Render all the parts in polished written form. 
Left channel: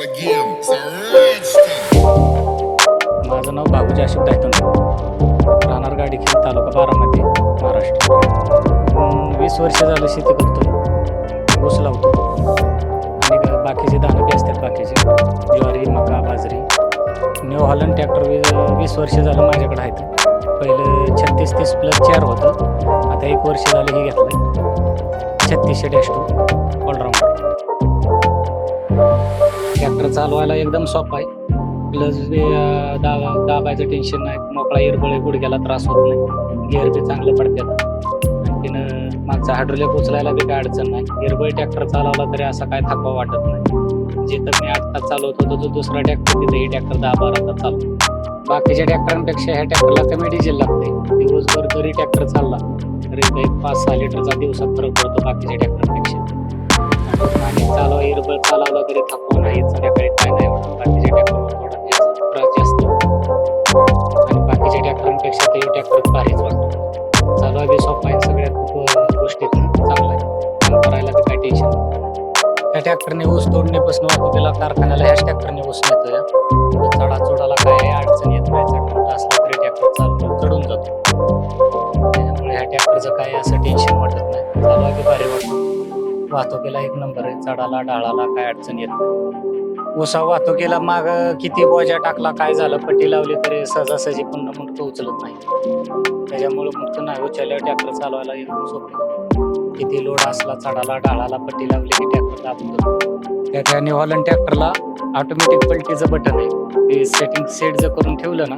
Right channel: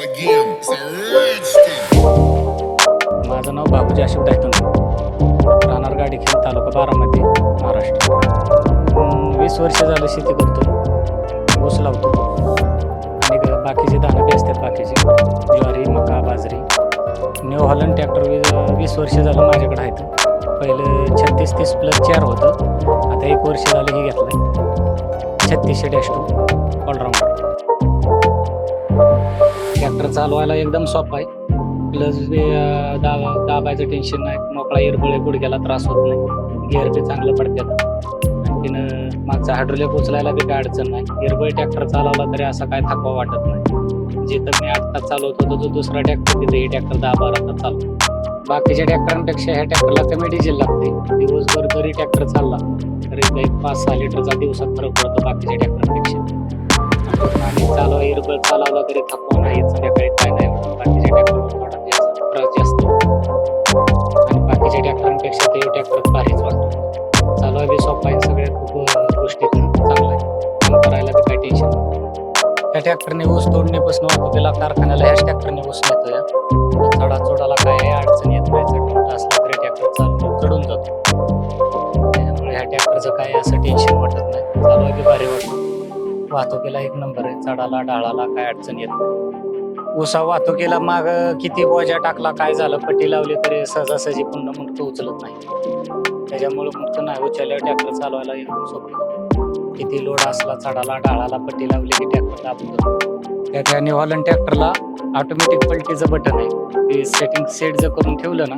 start again. It's a rich thing. माझं नाव बाबूजी अशोक दायतोंडे, राहणार गाडीखेल, तालुका बारामती, महाराष्ट्र. 20 वर्ष झालं शेती करतोय. ऊस लावतो आणि बाकीचे दाणं बी असतात, बाकीचे ज्वारी, मका, बाजरी. न्यू हॉलंड ट्रॅक्टर 20 वर्ष झालं माझ्याकडे आहेत. पहिलं 3630+4 होतं, आता 1 वर्ष झालं हे घेतलं 3600-2 ऑलराऊंडर. ट्रॅक्टर चालवायला एकदम सोपं आहे. प्लस बी दाबायचं टेन्शन नाही, मोकळा इरबळ गुडघ्याला त्रास होत नाही, गिअर बी चांगलं पडतात. आणखीन मागचा हायड्रोलिक उचलायला बी काय अडचण नाही. इरबळ ट्रॅक्टर चालवला तरी असा काय थकवा वाटत नाही. जिथं मी 8 तास चालवत होतो, तो दुसरा ट्रॅक्टर तिथं ही ट्रॅक्टर 10-12 तास चालतो. बाकीच्या ट्रॅक्टरांपेक्षा ह्या ट्रॅक्टरला कमी डिझेल लागते. दिवसभर जरी ट्रॅक्टर चालला तरी 5-6 लिटरचा दिवसात फरक पडतो बाकीच्या ट्रॅक्टरपेक्षा. आणि चालवा इरबळ चालवला तरी थकवा नाही, संध्याकाळी काय नाही एवढं. बाकीच्या ट्रॅक्टरवर थोडा त्रास जास्त आणि बाकीच्या ट्रॅक्टरांपेक्षा ते ट्रॅक्टर भारीच वाटतं. चालवा बी सोपा आहे, सगळ्यात खूप गोष्टीत चांगला आहे. काम करायला बी काय टेन्शन नाही. ह्या ट्रॅक्टरने ऊस तोडणीपासून वाहतुकीला, कारखान्याला ह्याच ट्रॅक्टरने ऊस नेतो. या चढाचोडाला काय अडचण येत नाही. चढ मोठा असला तरी ट्रॅक्टर चालून चढून जातो. त्याच्यामुळे ह्या ट्रॅक्टरचं काय असं टेन्शन वाटत नाही. चालवा बी भारी वाटतो. वाहतुकीला 1 नंबर आहे. चढाला ढाळाला काय अडचण येत नाही. ऊसा वाहतुकीला माग किती बोजा टाकला, काय झालं, पट्टी लावली तरी सहजासहजी पुन्हा मुंडकं उचलत नाही. त्याच्यामुळे मुंडकं नाही उचलल्यावर ट्रॅक्टर चालवायला एकदम सोपं. किती लोड असला, चढाला ढाळाला पट्टी लावली की ट्रॅक्टर दाबून जातो. त्या न्यू हॉलंड ट्रॅक्टरला ऑटोमॅटिक पलटीचं बटन आहे. ते सेटिंग सेट जर करून ठेवलं ना,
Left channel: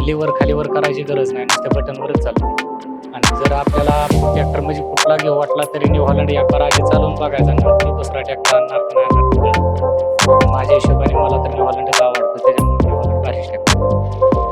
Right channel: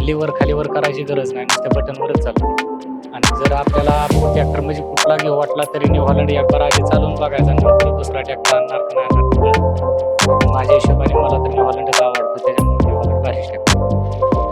लिव्हर खालीवर करायची गरज नाही, नुसत्या बटनवरच चालतं. आणि जर आपल्याला ट्रॅक्टर म्हणजे कुठला घेऊ वाटला तरी न्यू हॉलंड एक बार आधी चालवून बघायचा, नंतर दुसरा ट्रॅक्टर आणणार का नाही आणणार. माझ्या हिशोबाने मला तर न्यू हॉलंडच आवडतो. त्याच्यामुळे न्यू हॉलंड भारीच ट्रॅक्टर.